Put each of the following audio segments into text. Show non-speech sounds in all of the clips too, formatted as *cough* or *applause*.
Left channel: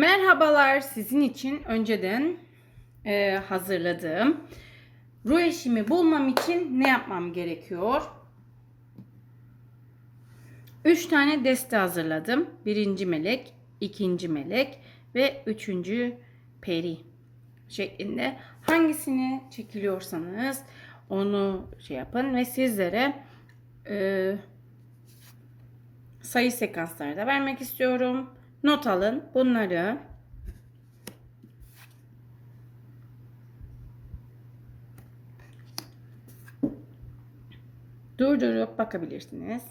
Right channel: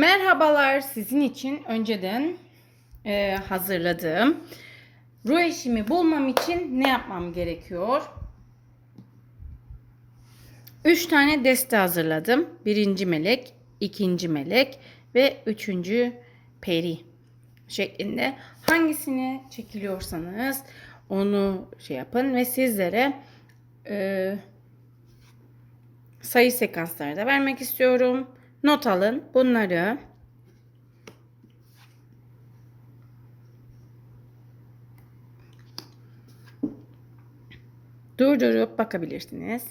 Merhabalar sizin için önceden e, hazırladığım ruh eşimi bulmam için ne yapmam gerekiyor? Üç tane deste hazırladım. Birinci melek, ikinci melek ve üçüncü peri şeklinde. Hangisini çekiliyorsanız onu şey yapın ve sizlere e, sayı sekansları da vermek istiyorum. Not alın bunları. Durdurup bakabilirsiniz.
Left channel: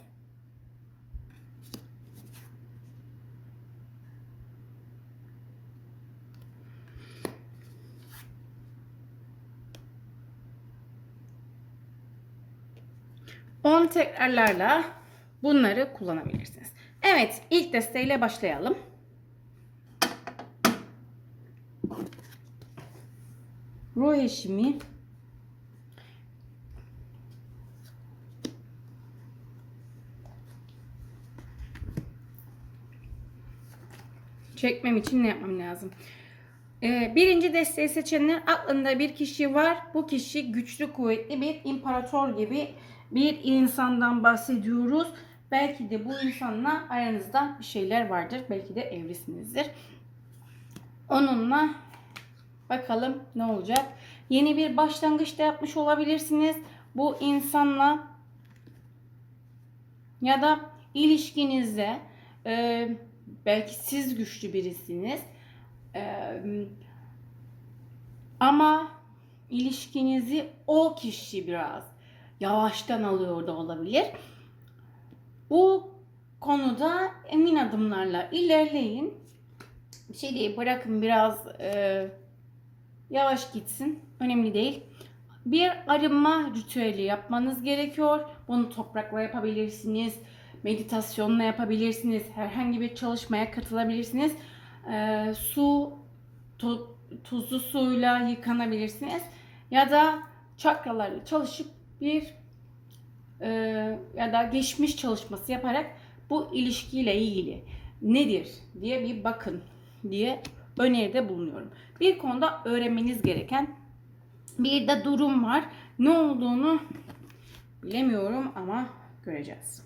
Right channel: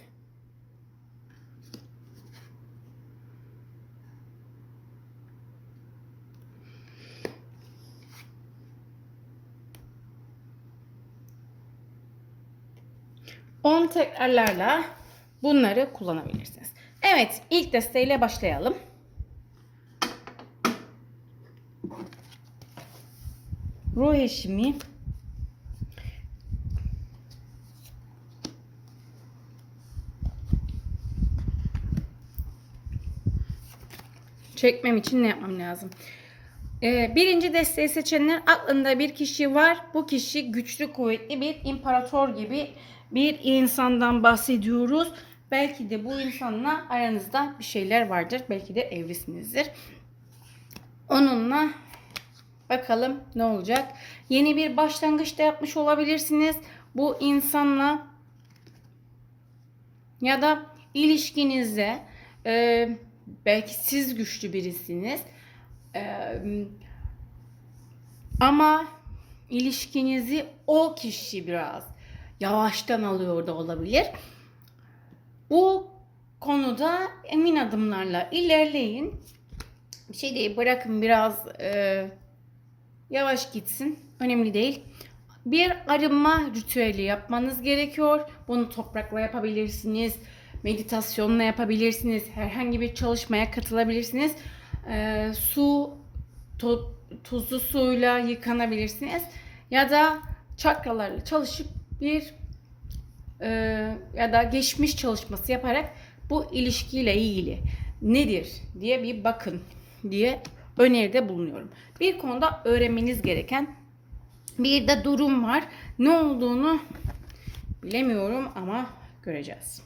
On tekrarlarla bunları kullanabilirsiniz. Evet, ilk desteğiyle başlayalım. Ruh eşimi çekmem için ne yapmam lazım? Ee, birinci desteği seçenler aklında bir kişi var. Bu kişi güçlü, kuvvetli bir imparator gibi bir insandan bahsediyoruz. Belki de bu insanla aranızda bir şeyler vardır. Belki de evlisinizdir. Onunla bakalım ne olacak. Yeni bir başlangıç da yapmış olabilirsiniz. Bu insanla ya da ilişkinizde e, belki siz güçlü birisiniz. E, ama ilişkinizi o kişi biraz yavaştan alıyor da olabilir. Bu konuda emin adımlarla ilerleyin. Şey değil bırakın biraz e, yavaş gitsin. Önemli değil. Bir arınma ritüeli yapmanız gerekiyor. Bunu toprakla yapabilirsiniz. Meditasyonla yapabilirsiniz. Herhangi bir çalışmaya katılabilirsiniz. E, su, tu, tuzlu suyla yıkanabilirsiniz. Ya da çakralarla çalışıp bir e, ya da geçmiş çalışması yaparak bu ilişkiyle ilgili nedir diye bir bakın diye öneride bulunuyorum. Bir konuda öğrenmeniz gereken bir de durum var. Ne olduğunu bilemiyorum ama göreceğiz.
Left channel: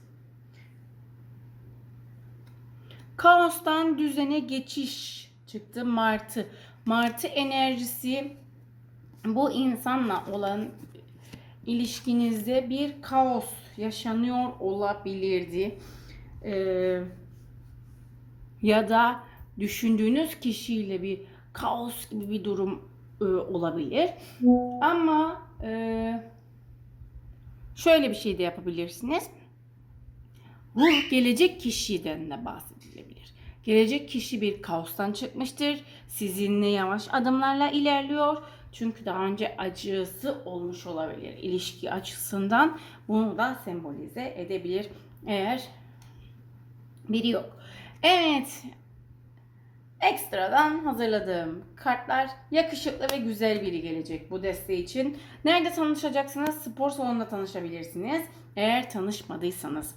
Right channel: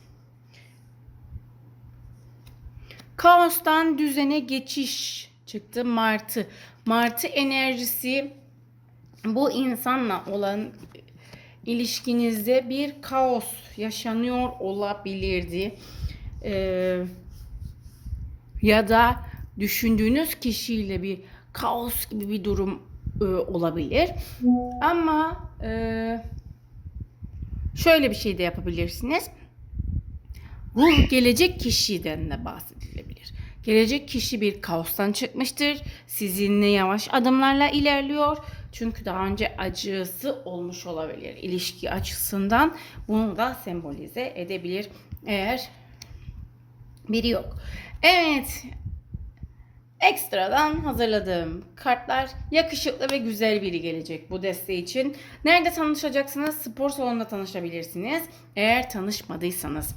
Kaostan düzene geçiş çıktı Martı. Martı enerjisi bu insanla olan ilişkinizde bir kaos yaşanıyor olabilirdi. Ee, ya da düşündüğünüz kişiyle bir kaos gibi bir durum e, olabilir. Ama e, şöyle bir şey de yapabilirsiniz. Ruh gelecek kişiden de bahsedilebilir. Gelecek kişi bir kaostan çıkmıştır. Sizinle yavaş adımlarla ilerliyor. Çünkü daha önce acısı olmuş olabilir ilişki açısından. Bunu da sembolize edebilir eğer biri yok. Evet. Ekstradan hazırladığım kartlar yakışıklı ve güzel biri gelecek bu deste için. Nerede tanışacaksınız? Spor salonunda tanışabilirsiniz. Eğer tanışmadıysanız.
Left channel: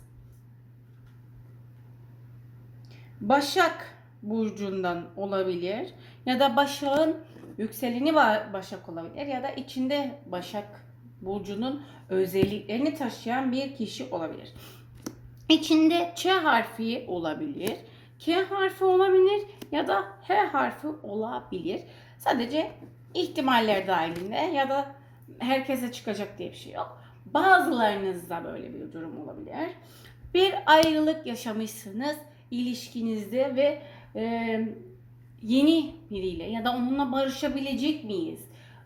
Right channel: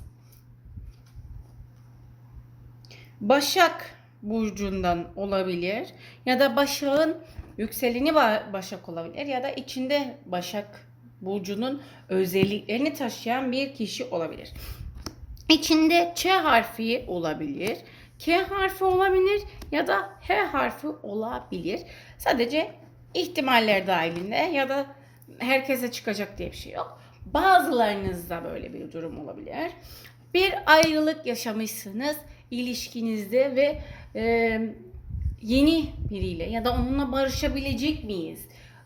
Başak burcundan olabilir ya da Başak'ın yükseleni Başak olabilir ya da içinde Başak burcunun özelliklerini taşıyan bir kişi olabilir. İçinde Ç harfi olabilir, K harfi olabilir ya da H harfi olabilir. Sadece ihtimaller dahilinde ya da herkese çıkacak diye bir şey yok. Bazılarınızda böyle bir durum olabilir. Bir ayrılık yaşamışsınız ilişkinizde ve e, yeni biriyle ya da onunla barışabilecek miyiz?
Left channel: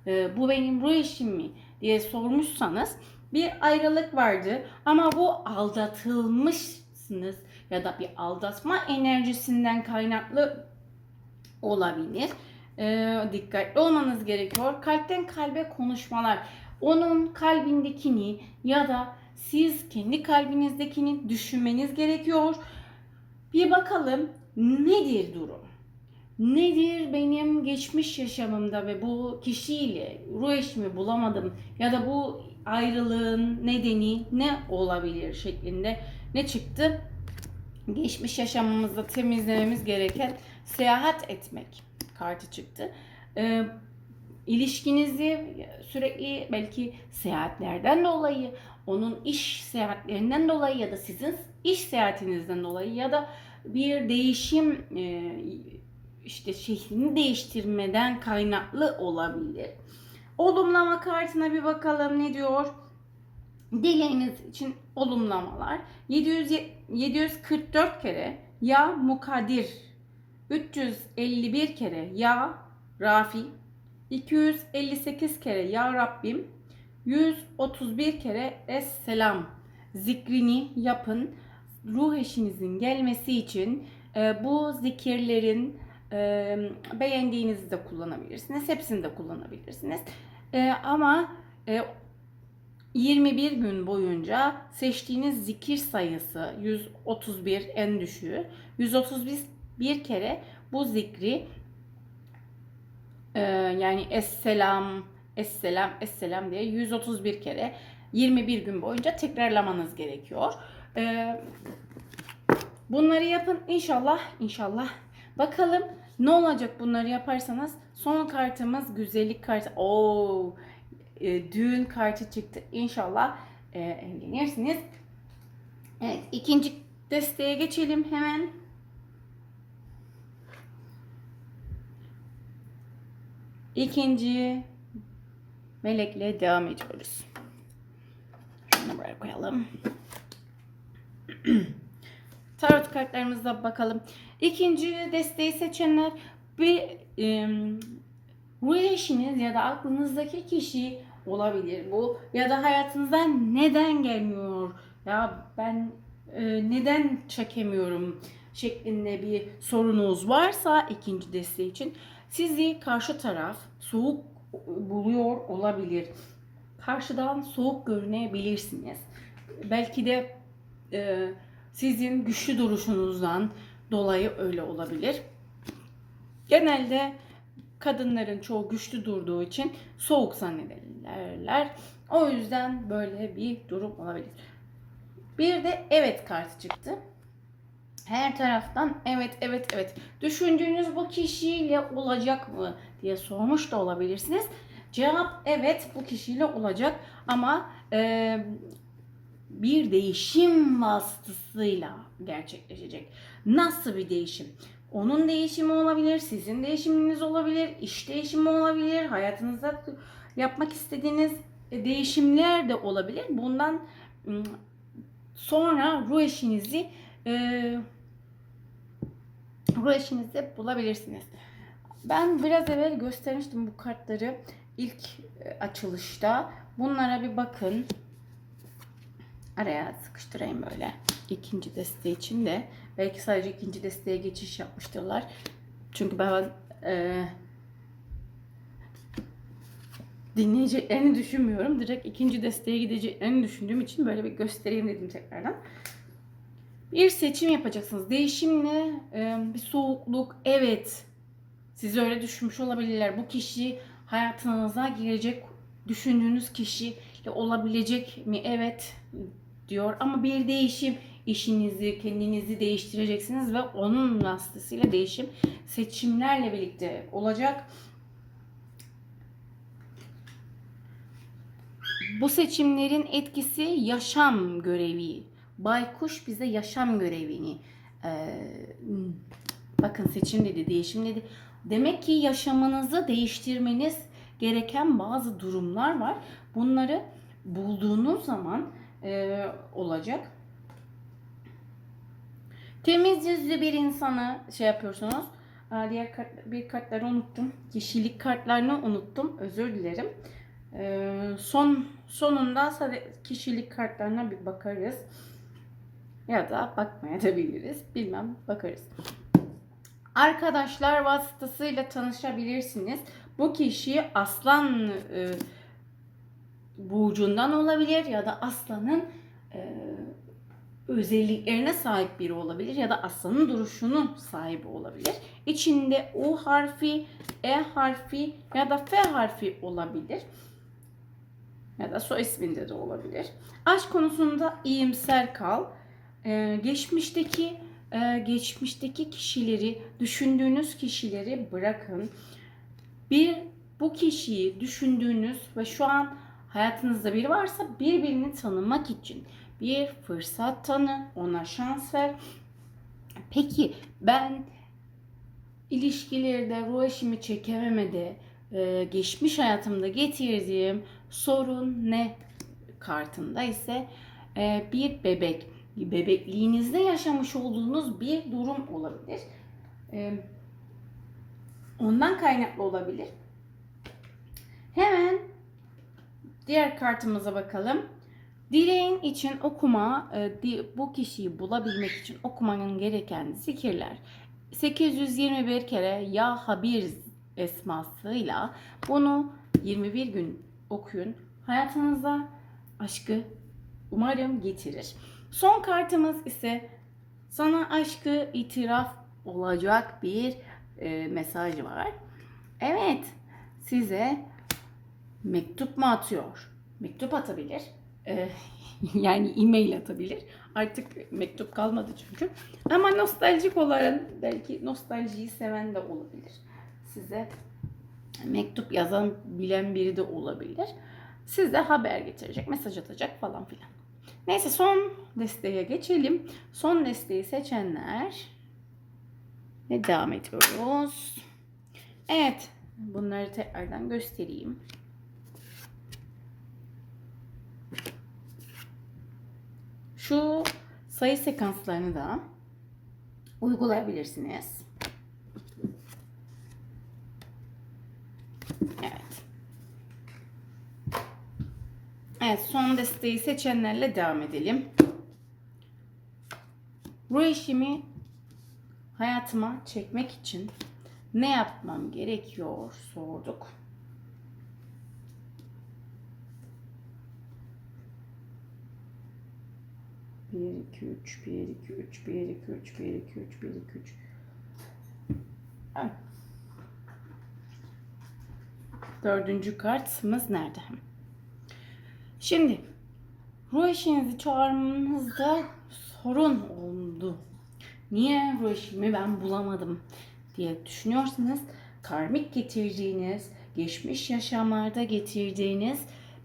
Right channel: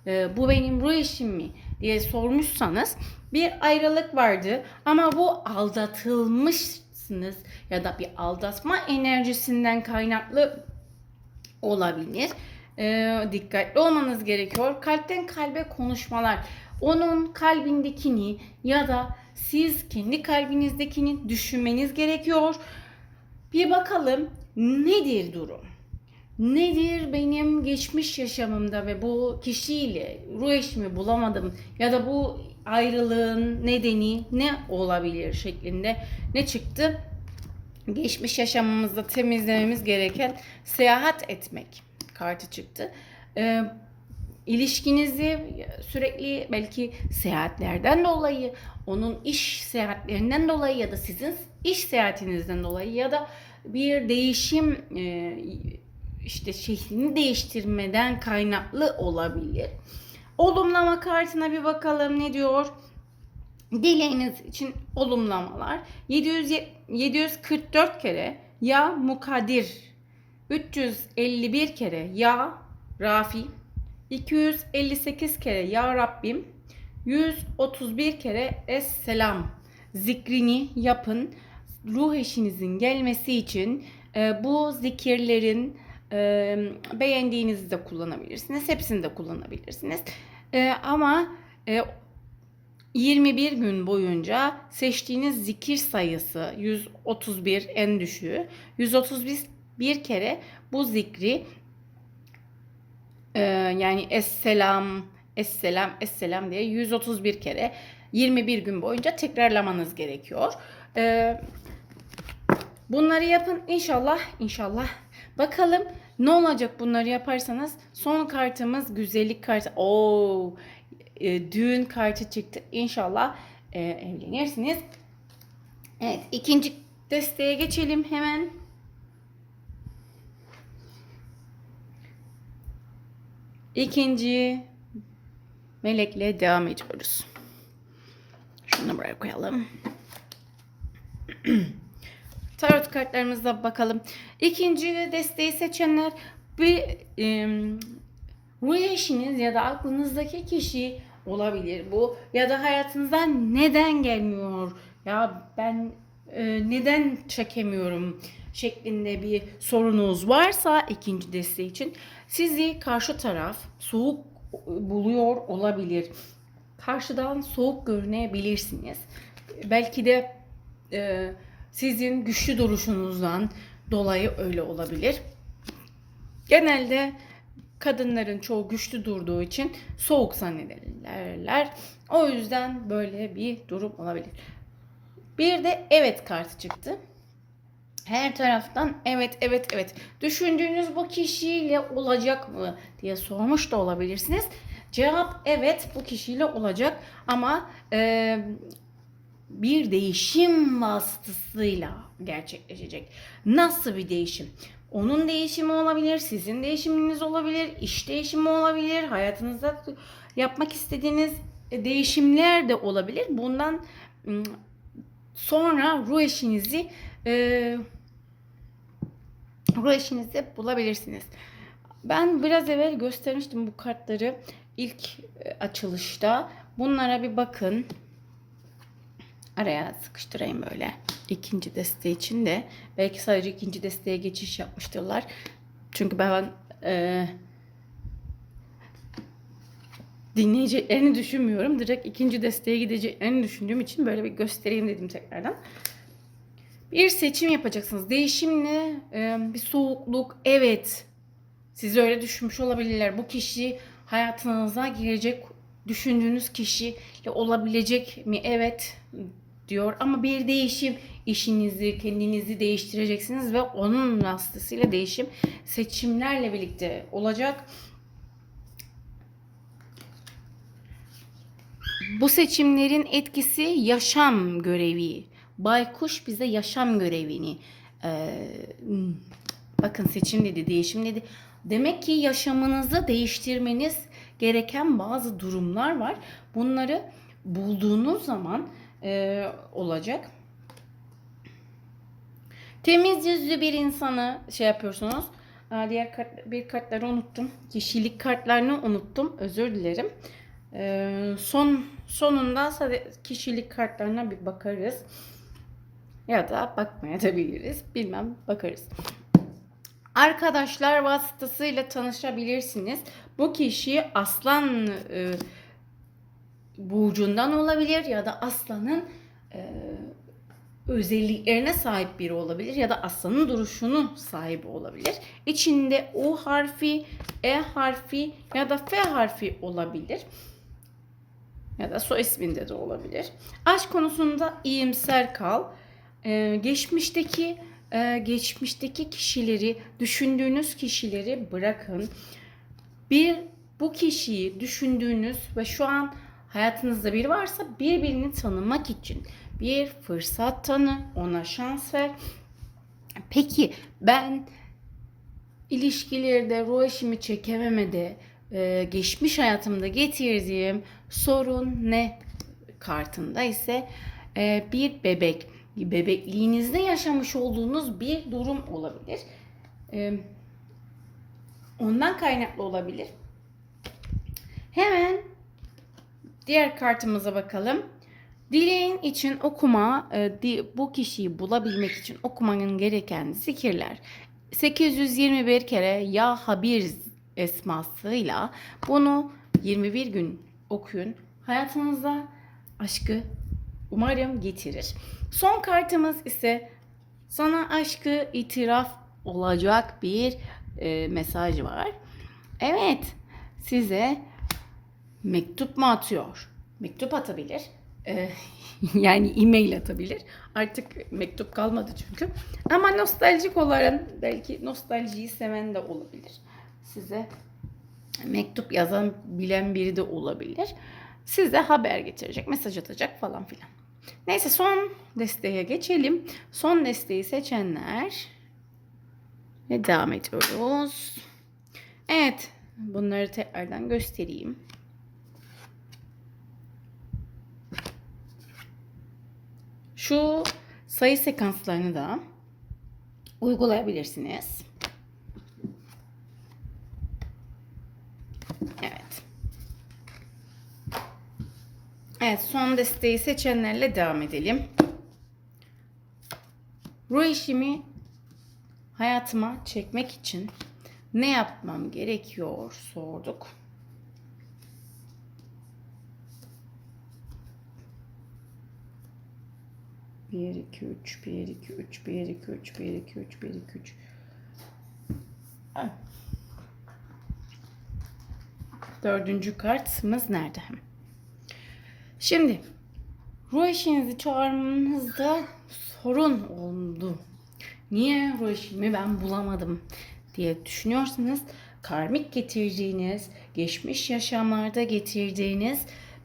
E, bu benim ruh eşim mi diye sormuşsanız bir ayrılık vardı ama bu aldatılmışsınız ya da bir aldatma enerjisinden kaynaklı olabilir. E, dikkatli olmanız gerekiyor. Kalpten kalbe konuşmalar. Onun kalbindekini ya da siz kendi kalbinizdekini düşünmeniz gerekiyor. Bir bakalım nedir durum? Nedir benim geçmiş yaşamımda ve bu kişiyle ruh eşimi bulamadım ya da bu ayrılığın nedeni ne olabilir şeklinde ne çıktı? geçmiş yaşamımızda temizlememiz gereken seyahat etmek kartı çıktı. Ee, ilişkinizi sürekli belki seyahatlerden dolayı, onun iş seyahatlerinden dolayı ya da sizin iş seyahatinizden dolayı ya da bir değişim e, işte şeklini değiştirmeden kaynaklı olabilir. Olumlama kartına bir bakalım ne diyor? Dileğiniz için olumlamalar. 700, 744 kere ya mukadir. 351 kere ya Rafi. 258 kere ya Rabbim. 131 kere Es-Selam zikrini yapın. Ruh eşinizin gelmesi için e, bu zikirlerin e, beğendiğinizi de kullanabilirsiniz. Hepsini de kullanabilirsiniz. E, ama e, 21 gün boyunca seçtiğiniz zikir sayısı 131 en düşüğü. 131 bir kere bu zikri e, yani Esselam, Esselam, Esselam diye 131 kere 21 gün boyunca tekrarlamanız gerekiyor. E, bunları yapın inşallah, inşallah. Bakalım ne olacak bunları yaparsanız. Son kartımız güzellik kartı. Oo, e, düğün kartı çıktı. İnşallah e, evlenirsiniz. Evet ikinci desteğe geçelim hemen. İkinci melekle devam ediyoruz. Şunu buraya koyalım. *clears throat* Tarot kartlarımıza bakalım. İkinci desteği seçenler bir e, ruh eşiniz ya da aklınızdaki kişi olabilir bu ya da hayatınızdan neden gelmiyor ya ben e, neden çekemiyorum şeklinde bir sorunuz varsa ikinci desteği için sizi karşı taraf soğuk buluyor olabilir. Karşıdan soğuk görünebilirsiniz. Belki de e, sizin güçlü duruşunuzdan dolayı öyle olabilir. Genelde kadınların çoğu güçlü durduğu için soğuk zannederler. O yüzden böyle bir durum olabilir. Bir de evet kartı çıktı. Her taraftan evet evet evet düşündüğünüz bu kişiyle olacak mı diye sormuş da olabilirsiniz. Cevap evet bu kişiyle olacak ama e, bir değişim vasıtasıyla gerçekleşecek. Nasıl bir değişim? Onun değişimi olabilir, sizin değişiminiz olabilir, iş değişimi olabilir, hayatınızda yapmak istediğiniz değişimler de olabilir. Bundan sonra ruh eşinizi e, ruh eşinizi bulabilirsiniz. Ben biraz evvel göstermiştim bu kartları ilk e, açılışta. Bunlara bir bakın. Araya sıkıştırayım böyle. ikinci desteği için de. Belki sadece ikinci desteğe geçiş yapmıştırlar. Çünkü ben e, dinleyeceklerini düşünmüyorum. Direkt ikinci desteğe gideceklerini düşündüğüm için böyle bir göstereyim dedim tekrardan. Bir seçim yapacaksınız. Değişimle e, bir soğukluk. Evet. Siz öyle düşünmüş olabilirler. Bu kişi hayatınıza girecek düşündüğünüz kişiyle olabilecek mi? Evet diyor. Ama bir değişim işinizi, kendinizi değiştireceksiniz ve onun vasıtasıyla değişim seçimlerle birlikte olacak. Bu seçimlerin etkisi yaşam görevi. Baykuş bize yaşam görevini e, bakın seçim dedi, değişim dedi. Demek ki yaşamınızı değiştirmeniz gereken bazı durumlar var. Bunları bulduğunuz zaman e, olacak. Temiz bir insanı şey yapıyorsunuz. Diğer kart, bir kartları unuttum. Kişilik kartlarını unuttum. Özür dilerim. Ee, son sonunda kişilik kartlarına bir bakarız. Ya da bakmaya da biliriz. Bilmem bakarız. Arkadaşlar vasıtasıyla tanışabilirsiniz. Bu kişi aslan e, burcundan olabilir ya da aslanın e, özelliklerine sahip biri olabilir ya da aslanın duruşunun sahibi olabilir. İçinde U harfi, E harfi ya da F harfi olabilir. Ya da soy isminde de olabilir. Aşk konusunda iyimser kal. e, geçmişteki e, geçmişteki kişileri, düşündüğünüz kişileri bırakın. Bir bu kişiyi düşündüğünüz ve şu an hayatınızda biri varsa birbirini tanımak için bir fırsat tanı, ona şans ver. Peki ben ilişkilerde ruh eşimi çekememede e, geçmiş hayatımda getirdiğim sorun ne kartında ise e, bir bebek bebekliğinizde yaşamış olduğunuz bir durum olabilir. E, ondan kaynaklı olabilir. Hemen diğer kartımıza bakalım. Dileğin için okuma, e, bu kişiyi bulabilmek için okumanın gereken zikirler. 821 kere Ya Habir esmasıyla bunu 21 gün okuyun. Hayatınıza aşkı umarım getirir. Son kartımız ise sana aşkı itiraf olacak bir e, mesaj var. Evet, size mektup mu atıyor? Mektup atabilir. E, *laughs* yani e-mail atabilir. Artık mektup kalmadı çünkü. Ama nostaljik olan belki nostaljiyi seven de olabilir. Size mektup yazan bilen biri de olabilir. Size haber getirecek, mesaj atacak falan filan. Neyse son desteğe geçelim. Son desteği seçenler ve devam ediyoruz. Evet, bunları tekrardan göstereyim. Şu sayı sekanslarını da uygulayabilirsiniz. Evet. Evet, son desteği seçenlerle devam edelim. Ruh eşimi hayatıma çekmek için ne yapmam gerekiyor sorduk. Bir, iki, üç, bir, iki, üç, bir, iki, üç, bir, iki, üç, bir, iki, üç. Evet. Dördüncü kartımız nerede? Şimdi ruh eşinizi çağırmanızda sorun oldu. Niye ruh eşimi ben bulamadım diye düşünüyorsanız karmik getirdiğiniz, geçmiş yaşamlarda getirdiğiniz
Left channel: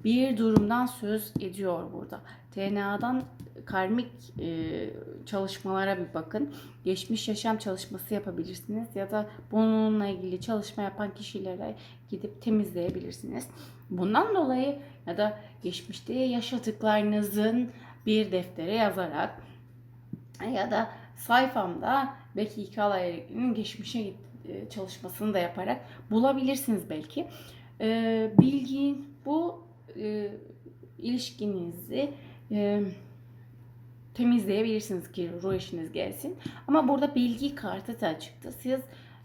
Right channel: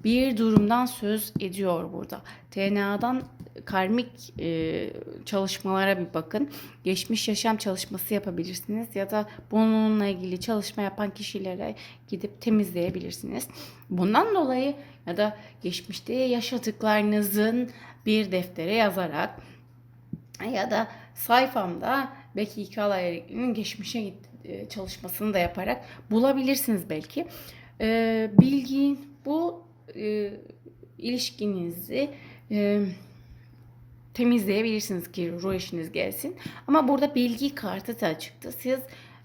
bir durumdan söz ediyor burada. TNA'dan karmik e, çalışmalara bir bakın. Geçmiş yaşam çalışması yapabilirsiniz ya da bununla ilgili çalışma yapan kişilere gidip temizleyebilirsiniz. Bundan dolayı ya da geçmişte yaşadıklarınızın bir deftere yazarak ya da sayfamda belki iki alayerikliğinin geçmişe git, e, çalışmasını da yaparak bulabilirsiniz belki. E, bilgi bu e, ilişkinizi e, temizleyebilirsiniz ki ruh eşiniz gelsin. Ama burada bilgi kartı da çıktı. Siz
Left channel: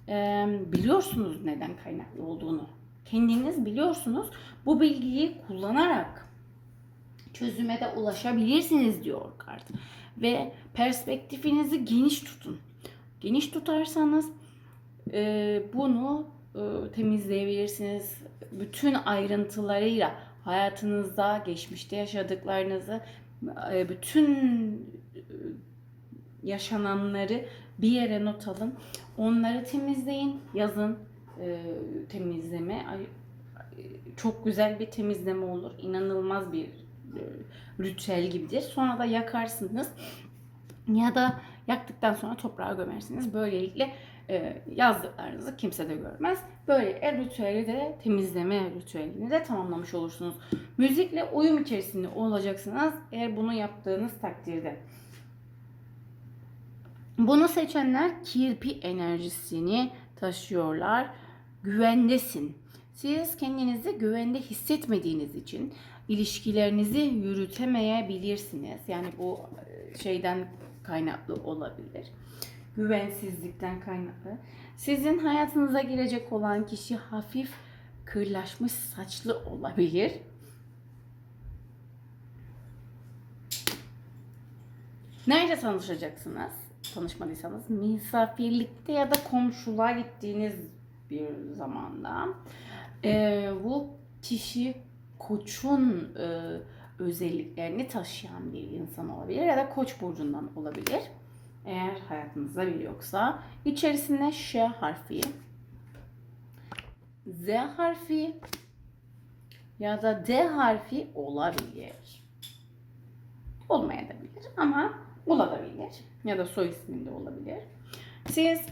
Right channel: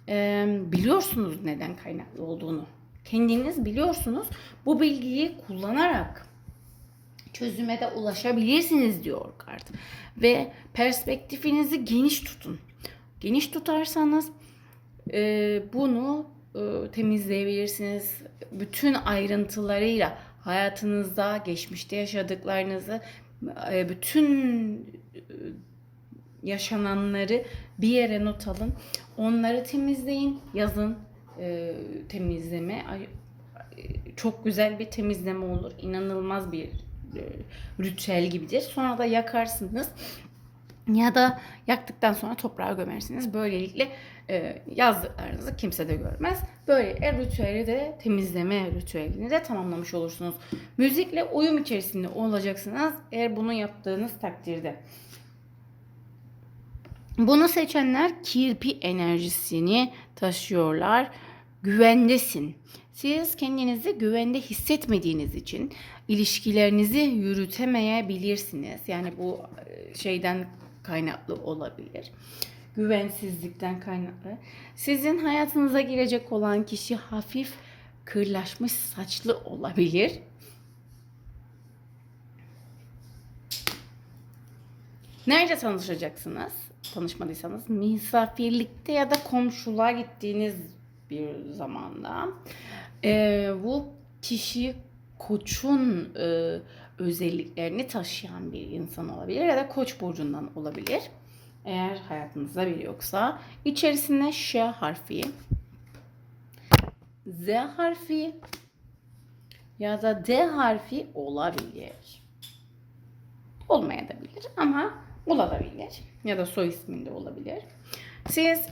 e, biliyorsunuz neden kaynaklı olduğunu. Kendiniz biliyorsunuz. Bu bilgiyi kullanarak çözüme de ulaşabilirsiniz diyor kart. Ve perspektifinizi geniş tutun. Geniş tutarsanız e, bunu e, temizleyebilirsiniz. Bütün ayrıntılarıyla hayatınızda, geçmişte yaşadıklarınızı, e, bütün e, yaşananları bir yere not alın. Onları temizleyin, yazın e, temizleme. Çok güzel bir temizleme olur. İnanılmaz bir ritüel gibidir. Sonra da yakarsınız. Ya da yaktıktan sonra toprağa gömersiniz. Böylelikle e, yazdıklarınızı kimse de görmez. Böylelikle ritüeli de temizleme ritüelini de tamamlamış olursunuz. Müzikle uyum içerisinde olacaksınız eğer bunu yaptığınız takdirde. Bunu seçenler kirpi enerjisini taşıyorlar. Güvendesin. Siz kendinizi güvende hissetmediğiniz için ilişkilerinizi yürütemeyebilirsiniz. Yani bu e, şeyden kaynaklı olabilir. Güvensizlikten kaynaklı. Sizin hayatınıza girecek olan kişi hafif kırlaşmış saçlı olabilir. Nerede tanışacaksınız? Tanışmadıysanız misafirlikte ya da komşuluğa gittiğiniz bir zamanda. Ee, bu kişi koçun e, özelliklerini taşıyan bir insan olabilir ya da Koç burcundan olabilir. Eğer hayatınızda biri yoksa içerisinde Ş harfi, Z harfi ya da D harfi olabilir. Olmayabilir ama olabilir. Ya da soy isminde olabilir. Siz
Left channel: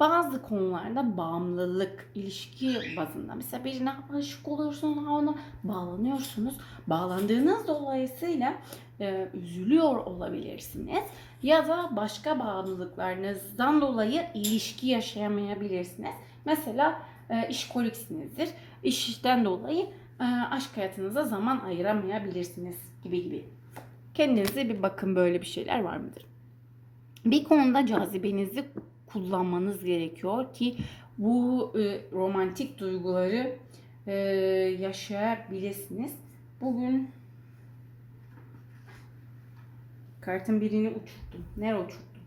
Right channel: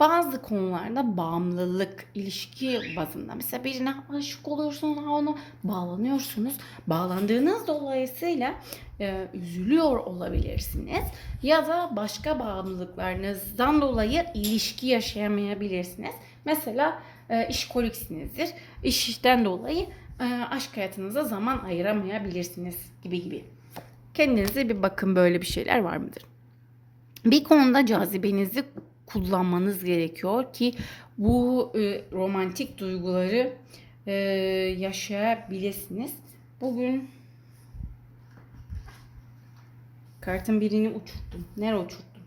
bazı konularda bağımlılık, ilişki bazında mesela birine aşık oluyorsunuz, ona bağlanıyorsunuz. Bağlandığınız dolayısıyla e, üzülüyor olabilirsiniz. Ya da başka bağımlılıklarınızdan dolayı ilişki yaşayamayabilirsiniz. Mesela e, işkoliksinizdir. İşten dolayı e, aşk hayatınıza zaman ayıramayabilirsiniz gibi gibi. Kendinize bir bakın böyle bir şeyler var mıdır? Bir konuda cazibenizi kullanmanız gerekiyor ki bu e, romantik duyguları e, yaşayabilirsiniz. Bugün kartın birini uçurttum. Nereye uçurttum?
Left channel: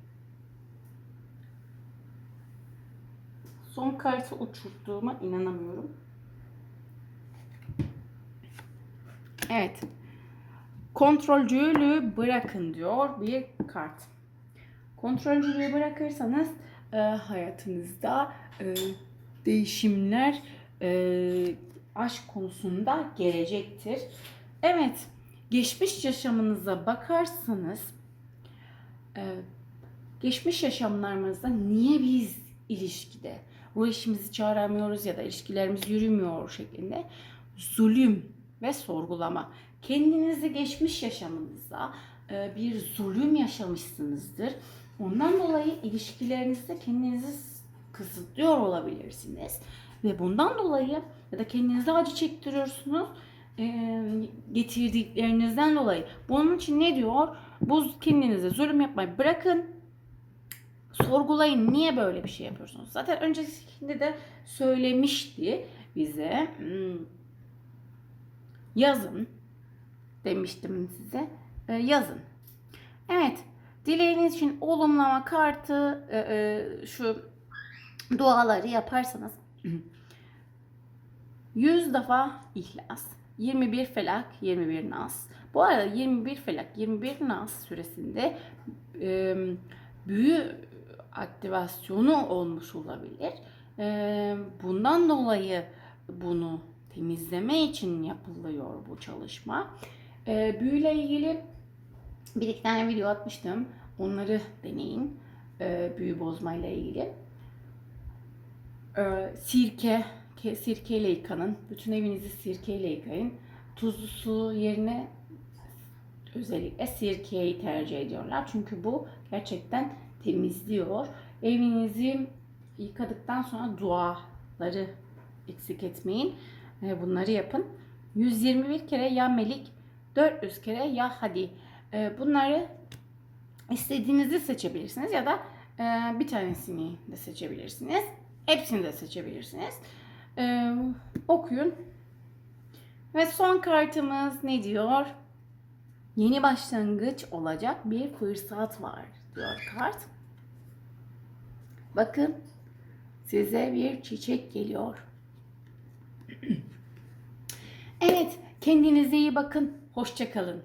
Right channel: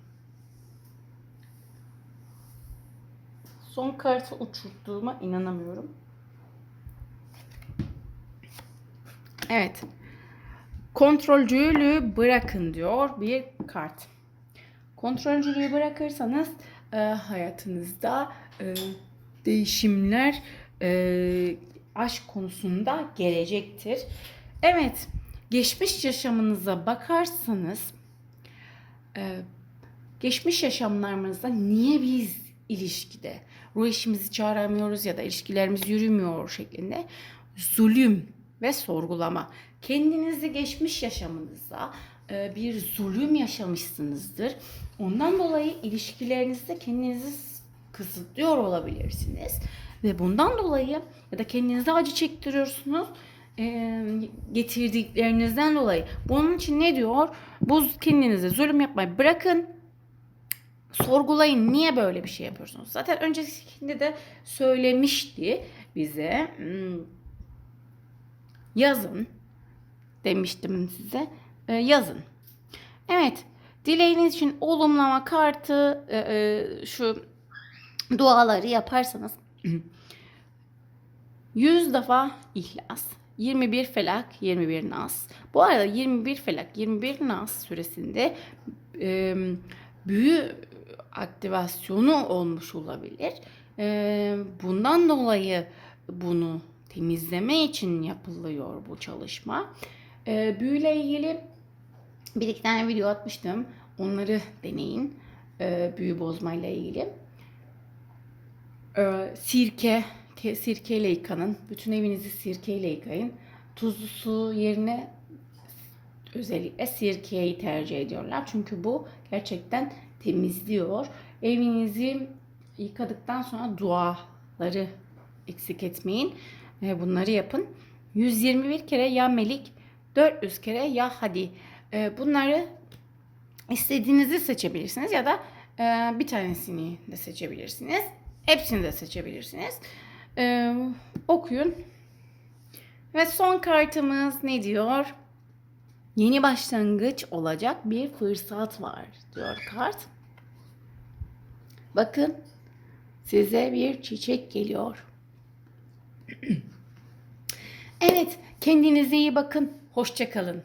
Son kartı uçurttuğuma inanamıyorum. Evet. Kontrolcülüğü bırakın diyor bir kart. Kontrolcülüğü bırakırsanız e, hayatınızda e, değişimler e, aşk konusunda gelecektir. Evet, geçmiş yaşamınıza bakarsanız e, geçmiş yaşamlarımızda niye biz ilişkide ruh eşimizi çağıramıyoruz ya da ilişkilerimiz yürümüyor şeklinde zulüm ve sorgulama. Kendinizi geçmiş yaşamınızda e, bir zulüm yaşamışsınızdır. Ondan dolayı ilişkilerinizde kendinizi kısıtlıyor olabilirsiniz. Ve bundan dolayı ya da kendinize acı çektiriyorsunuz e, getirdiklerinizden dolayı. Bunun için ne diyor? Bu kendinize zulüm yapmayı bırakın. Sorgulayın niye böyle bir şey yapıyorsunuz? Zaten öncesinde de söylemişti bize. Hmm, Yazın demiştim size. Yazın. Evet. Dileğiniz için olumlama kartı e, e, şu duaları yaparsanız *clears throat* 100 defa ihlas, 21 felak, 21 nas. Bu arada 21 felak, 21 nas süresinde e, büyü aktivasyonu olmuş olabilir. E, bundan dolayı bunu temizleme için yapılıyor bu çalışma. E, büyüyle ilgili bir iki tane video atmıştım. Onları deneyin. E, büyü bozmayla ilgili. E, sirke, ke- sirkeyle yıkanın. Bütün evinizi sirkeyle yıkayın. Tuzlu su yerine özellikle sirkeyi tercih ediyorlar. Çünkü bu gerçekten temizliyor. Evinizi yıkadıktan sonra duaları eksik etmeyin. Bunları yapın. 121 kere ya melik, 400 kere ya hadi. E, bunları istediğinizi seçebilirsiniz ya da e, bir tanesini de seçebilirsiniz. Hepsini de seçebilirsiniz. E, okuyun. Ve son kartımız ne diyor? Yeni başlangıç olacak bir fırsat var diyor kart. Bakın size bir çiçek geliyor. *clears throat* Evet, kendinize iyi bakın. Hoşça kalın.